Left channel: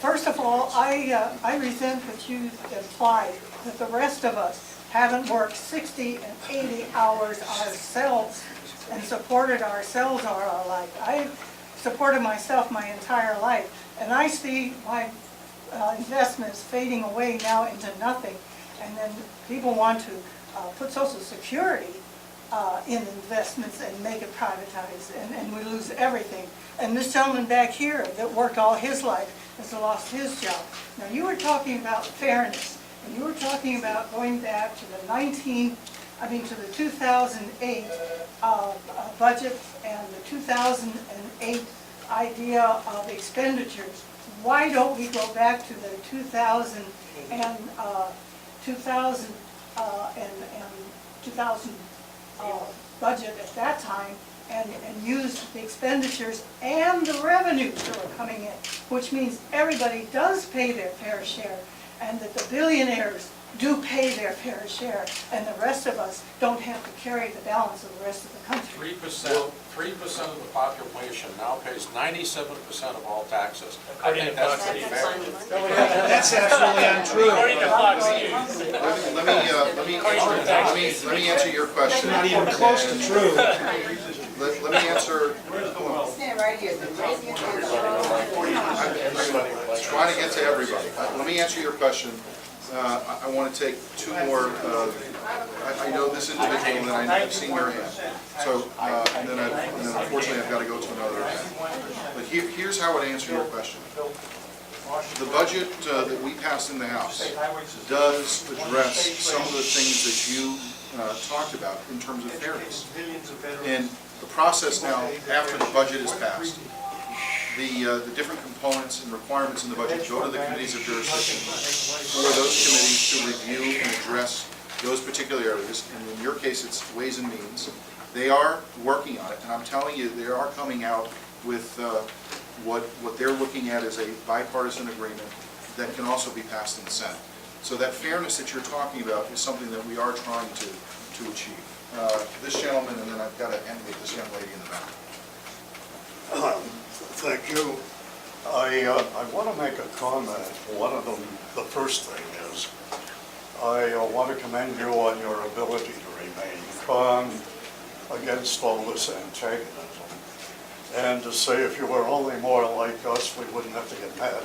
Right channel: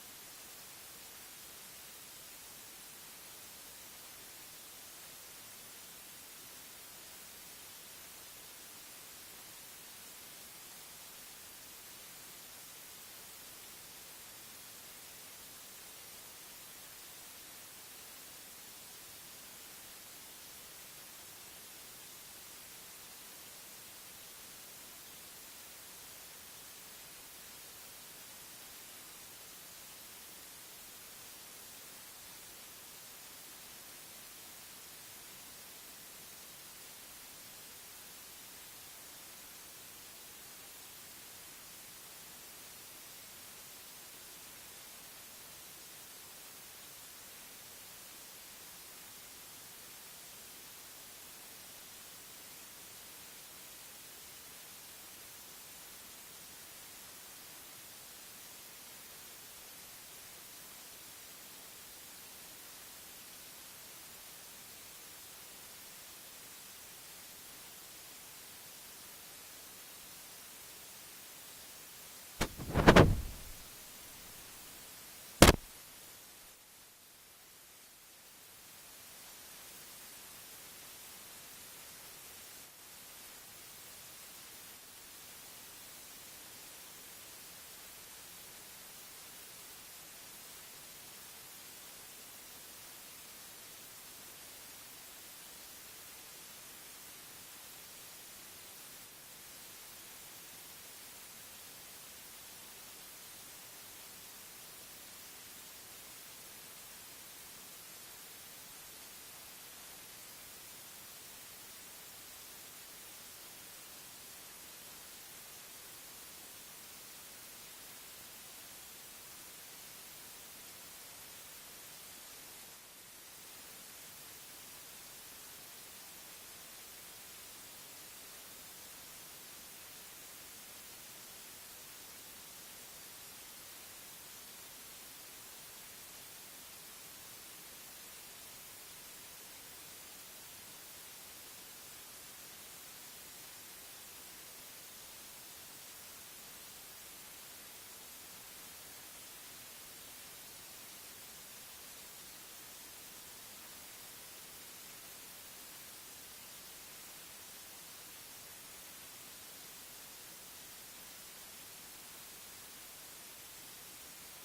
First of all, I resent that you implied that the rest of us haven't worked 60 and 80 hours ourselves and supported ourselves all our life. I've supported myself my entire life, and I see my investments fading away now into nothing, and then people want to put Social Security in investments and make it privatized, and we lose everything. And this gentleman back here that worked all his life has lost his job. Now, you were talking about fairness, and you were talking about going back to the 2008 budget and the 2008 idea of expenditures. Why don't we go back to the 2000 budget at that time and use the expenditures and the revenues that are coming in, which means everybody does pay their fair share, and that the billionaires do pay their fair share, and the rest of us don't have to carry the balance of the rest of the country. 3% of the population now pays 97% of all taxes. I think that's pretty fair. That's absolutely untrue. Let me answer your question. Not even close to true. Let me answer. I'm trying to get to everybody. Let me answer your question. I want to take two more. I know this individual, and I've seen your hand. So, and then unfortunately I've got to go to another event. But here's how I would answer your question. The budget that we passed in the House does address some of the things that you talked about in terms of fairness. And the process now, after the budget is passed, the different components and requirements in the budget go to the committees of jurisdiction for those committees to review and address those particular areas. And in your case, it's Ways and Means. They are working on it, and I'm telling you, they are coming out with what they're looking at as a bipartisan agreement that can also be passed in the Senate. So that fairness that you're talking about is something that we are trying to achieve. This gentleman, and then I've got to end with this young lady in the back. Thank you. I want to make a comment. One of them, the first thing is, I want to commend you on your ability to remain calm against all this antagonism, and to say if you were only more like us, we wouldn't have to get mad at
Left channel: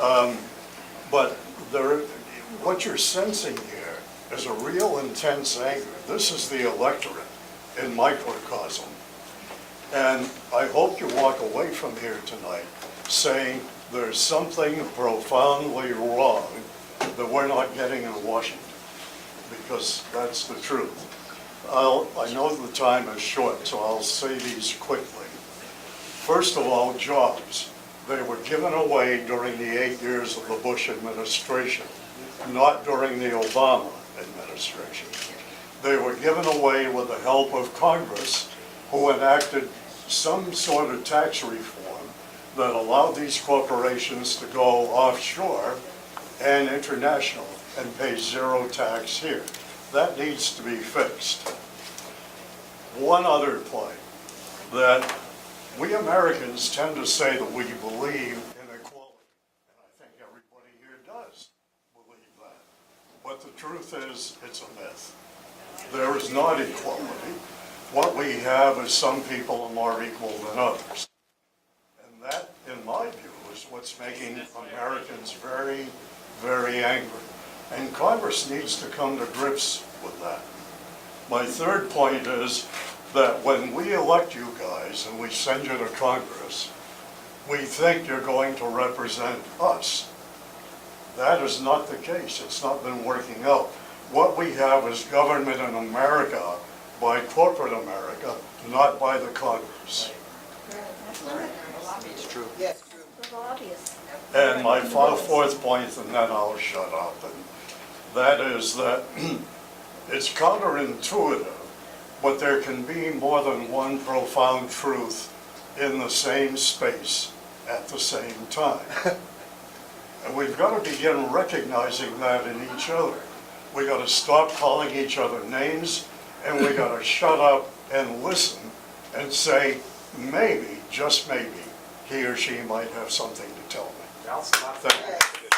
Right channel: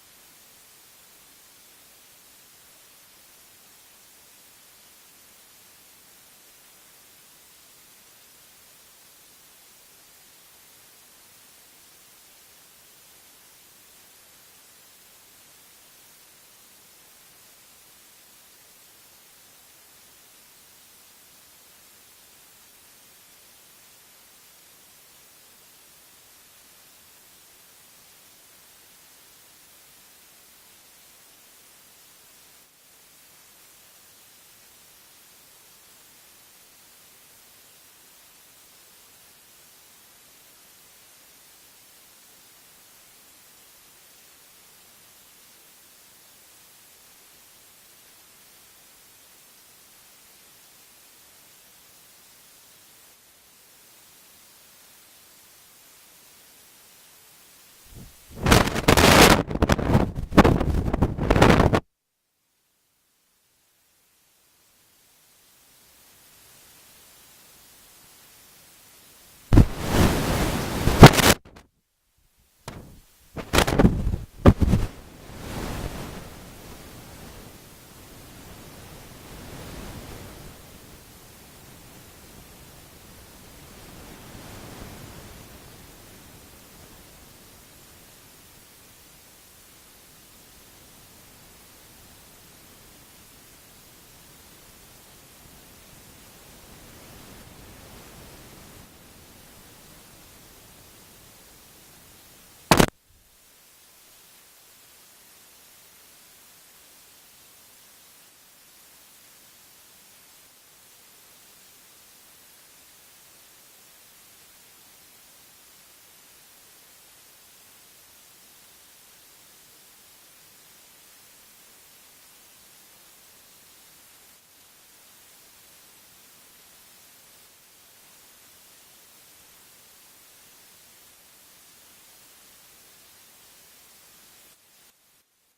you. But what you're sensing here is a real intense anger. This is the electorate in microcosm. And I hope you walk away from here tonight saying there's something profoundly wrong that we're not getting in Washington, because that's the truth. I know the time is short, so I'll say these quickly. First of all, jobs. They were given away during the 8 years of the Bush administration, not during the Obama administration. They were given away with the help of Congress, who enacted some sort of tax reform that allowed these corporations to go offshore and international and pay zero tax here. That needs to be fixed. One other point, that we Americans tend to say that we believe that. But the truth is, it's a myth. There is not equality. What we have is some people are more equal than others. And that, in my view, is what's making Americans very, very angry. And Congress needs to come to grips with that. My third point is that when we elect you guys and we send you to Congress, we think you're going to represent us. That is not the case. It's not been working out. What we have is government in America by corporate America, not by the Congress. It's true. And my fourth point, and then I'll shut up, and that is that it's counterintuitive, but there can be more than one profound truth in the same space at the same time. And we've got to begin recognizing that in each other. We've got to stop calling each other names, and we got to shut up and listen and say, maybe, just maybe, he or she might have something to tell me. Thank Thank you.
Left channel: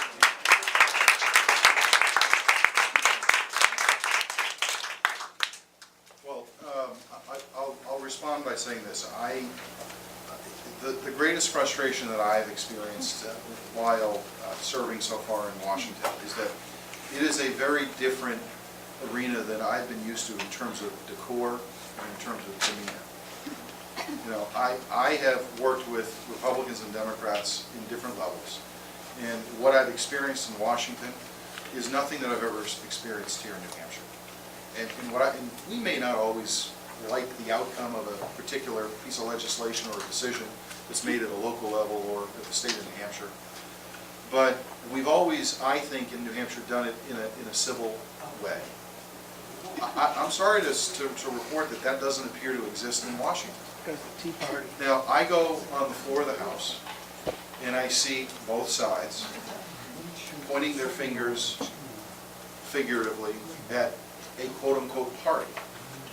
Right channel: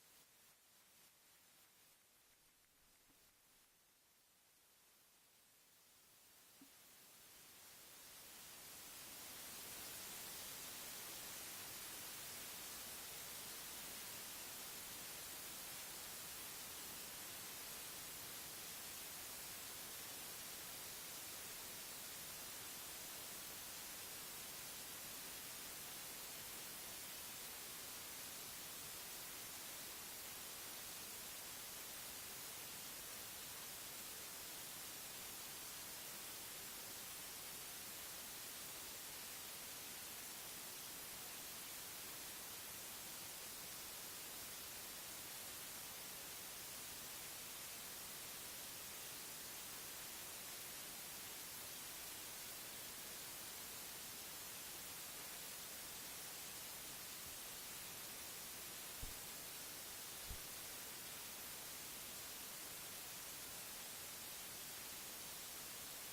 Well, I'll respond by saying this. The greatest frustration that I've experienced while serving so far in Washington is that it is a very different arena than I've been used to in terms of decor and in terms of demeanor. You know, I have worked with Republicans and Democrats in different levels, and what I've experienced in Washington is nothing that I've ever experienced here in New Hampshire. And we may not always like the outcome of a particular piece of legislation or a decision that's made at a local level or at the state of New Hampshire, but we've always, I think, in New Hampshire done it in a civil way. I'm sorry to report that that doesn't appear to exist in Washington. Now, I go on the floor of the House, and I see both sides pointing their fingers figuratively at a quote-unquote party.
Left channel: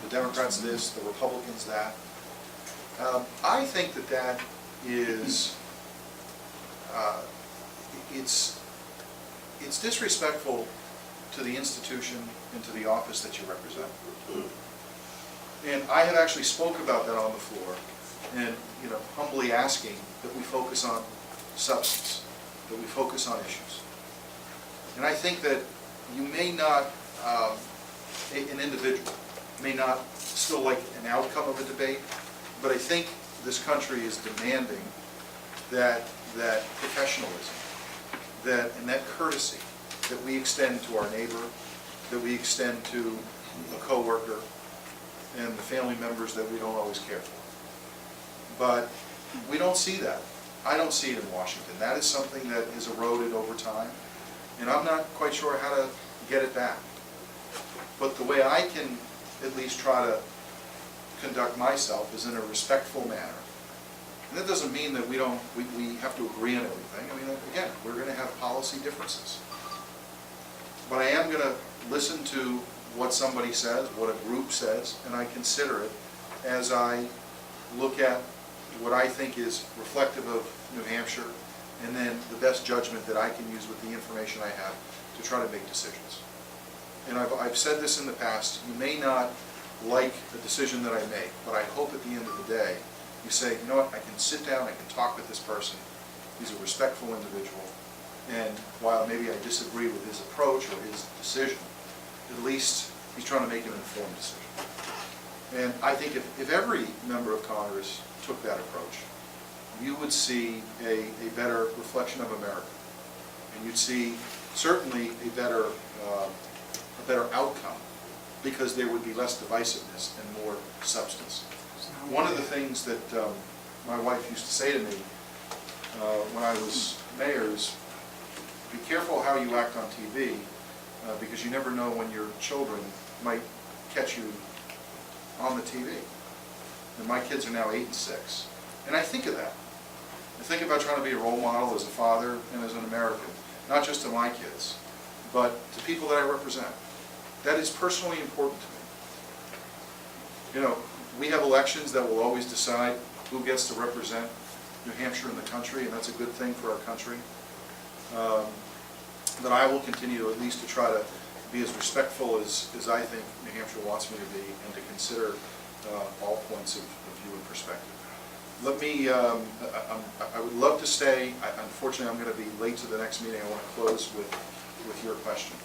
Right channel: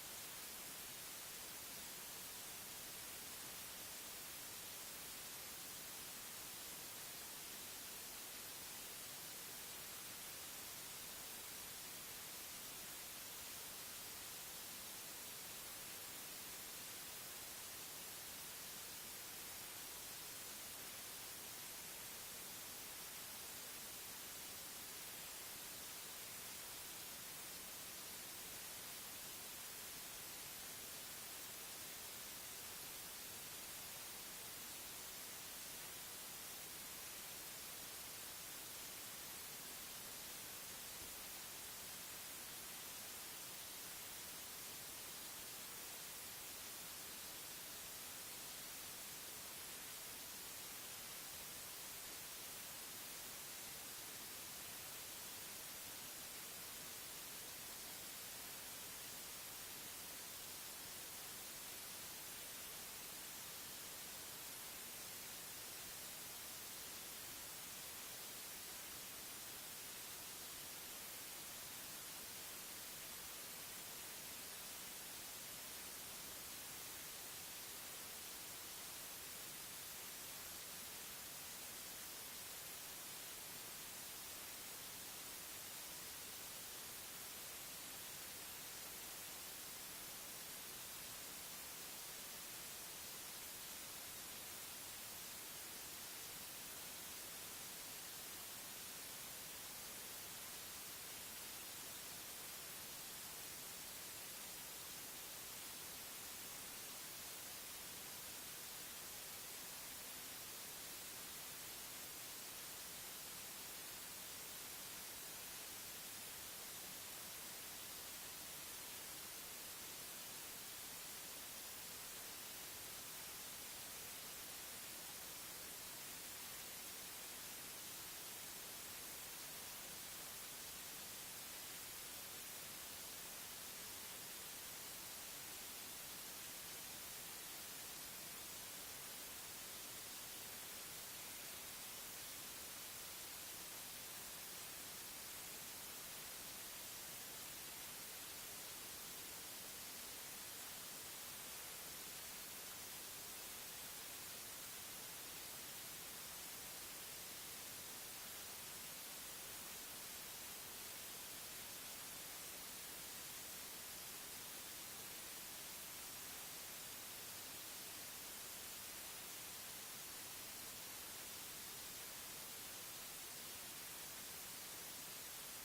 The Democrats this, the Republicans that. I think that that is, it's disrespectful to the institution and to the office that you represent. And I have actually spoke about that on the floor, and humbly asking that we focus on substance, that we focus on issues. And I think that you may not, an individual may not still like an outcome of a debate, but I think this country is demanding that professionalism, and that courtesy that we extend to our neighbor, that we extend to a coworker, and the family members that we don't always care for. But we don't see that. I don't see it in Washington. That is something that is eroded over time, and I'm not quite sure how to get it back. But the way I can at least try to conduct myself is in a respectful manner. And that doesn't mean that we have to agree on everything. I mean, again, we're going to have policy differences. But I am going to listen to what somebody says, what a group says, and I consider it as I look at what I think is reflective of New Hampshire, and then the best judgment that I can use with the information I have to try to make decisions. And I've said this in the past, you may not like the decision that I make, but I hope at the end of the day, you say, you know what, I can sit down, I can talk with this person, he's a respectful individual, and while maybe I disagree with his approach or his decision, at least he's trying to make an informed decision. And I think if every member of Congress took that approach, you would see a better reflection of America. And you'd see certainly a better outcome, because there would be less divisiveness and more substance. One of the things that my wife used to say to me when I was mayor is, be careful how you act on TV, because you never know when your children might catch you on the TV. And my kids are now 8 and 6. And I think of that. I think about trying to be a role model as a father and as an American, not just to my kids, but to people that I represent. That is personally important to me. We have elections that will always decide who gets to represent New Hampshire in the country, and that's a good thing for our country. But I will continue to at least to try to be as respectful as I think New Hampshire wants me to be, and to consider all points of view and perspective. Let me, I would love to stay. Unfortunately, I'm going to be late to the next meeting. I want to close with your question.